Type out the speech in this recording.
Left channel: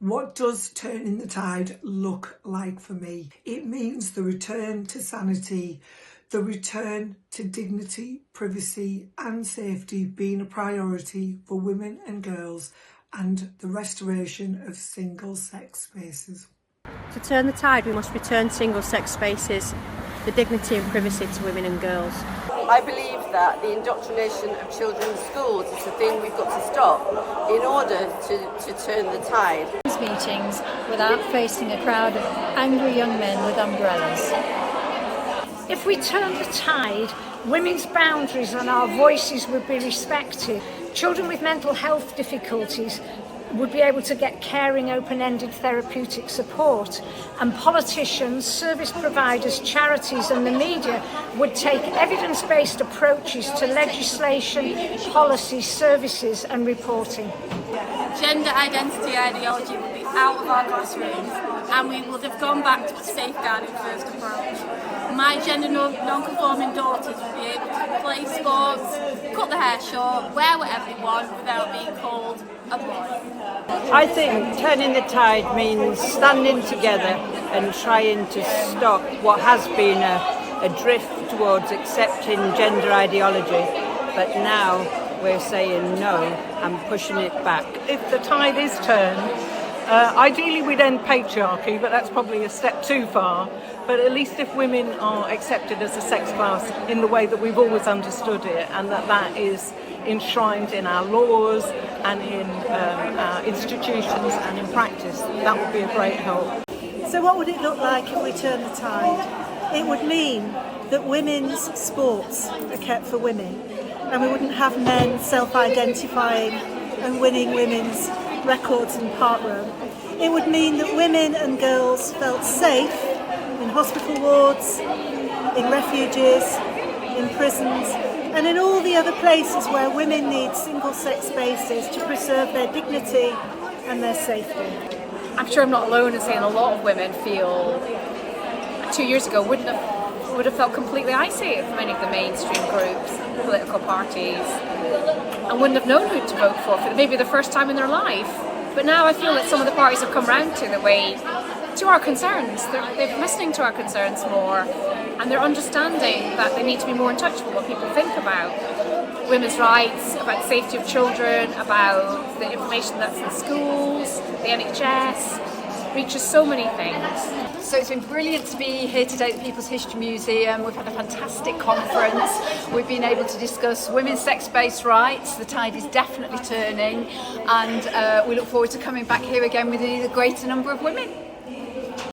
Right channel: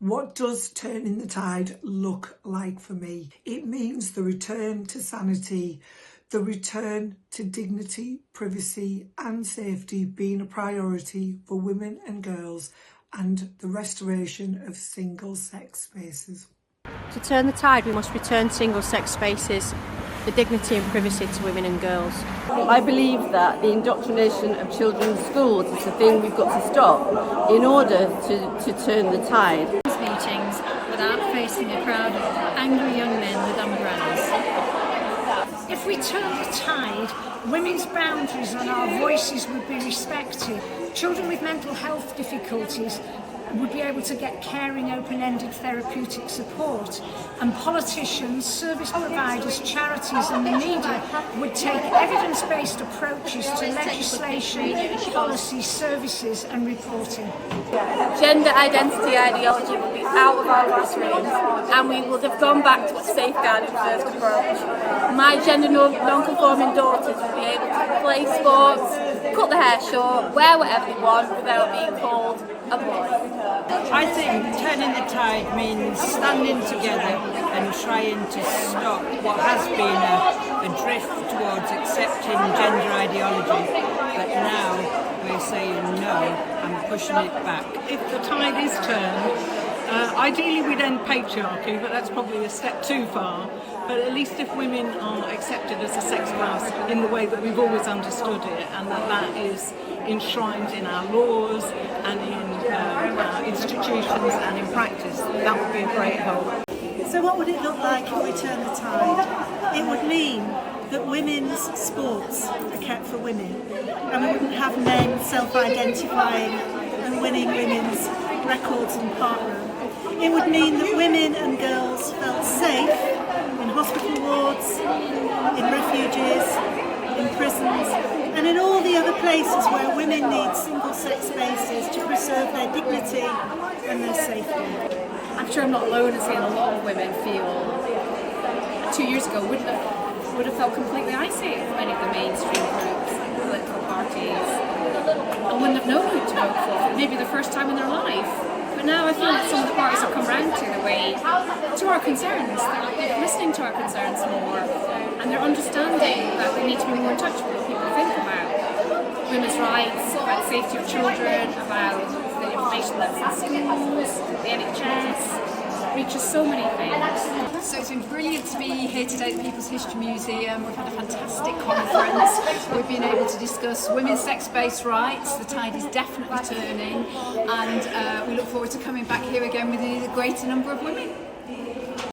What does turning the tide look like for me? It means the return to sanity, the return to dignity, privacy and safety being a priority for women and girls, and the restoration of single-sex spaces. To turn the tide, we must return single-sex spaces, the dignity and privacy to women and girls. I believe that the indoctrination of children in schools is the thing we've got to stop in order to turn the tide. Meetings without facing a crowd of angry young men with umbrellas. If we turn the tide, women's boundaries and our voices would be respected. Children with mental health difficulties would be able to get caring, open-ended therapeutic support, and politicians, service providers, charities and the media would take evidence-based approaches to legislation, policy, services and reporting. Gender identity ideology would be out of our classrooms and we would have gone back to a safeguarding first approach. My gender non-conforming daughters would be able to play sports, cut their hair short, wear whatever they want without being called a boy. I think turning the tide means standing together and trying to stop what has been a drift towards accepting gender ideology, but now we're saying no and pushing it back. If the tide is turned, ideally we'd end patriarchy, but that's probably a step too far. But at least if women are accepted as a sex class in the way that we've always understood it, and that is enshrined in our laws and in our institutions and in practice, that would be a great help. So what would it look like if we turn the tide? It would mean that women's sports are kept for women, and we wouldn't have men self-identifying and winning women's records in parkrun. It would mean that women and girls felt safe in hospital wards, in refuges, in prisons, and in all the other places where women need single-sex spaces to preserve their dignity and their safety. I'm sure I'm not alone in saying a lot of women feel 2 years ago would have felt completely isolated from any of the mainstream groups, political parties, and wouldn't have known who to vote for maybe the first time in their life. But now I feel that some of the parties have come round to our concerns. They're listening to our concerns more, and they're understanding that they need to be more in touch with what people think about women's rights, about the safety of children, about the information that's in schools, the NHS. Reaches so many things. So it's been brilliant to be here today at the People's History Museum. We've had a fantastic conference. We've been able to discuss women's sex-based rights. The tide is definitely turning, and we look forward to coming back here again with a greater number of women.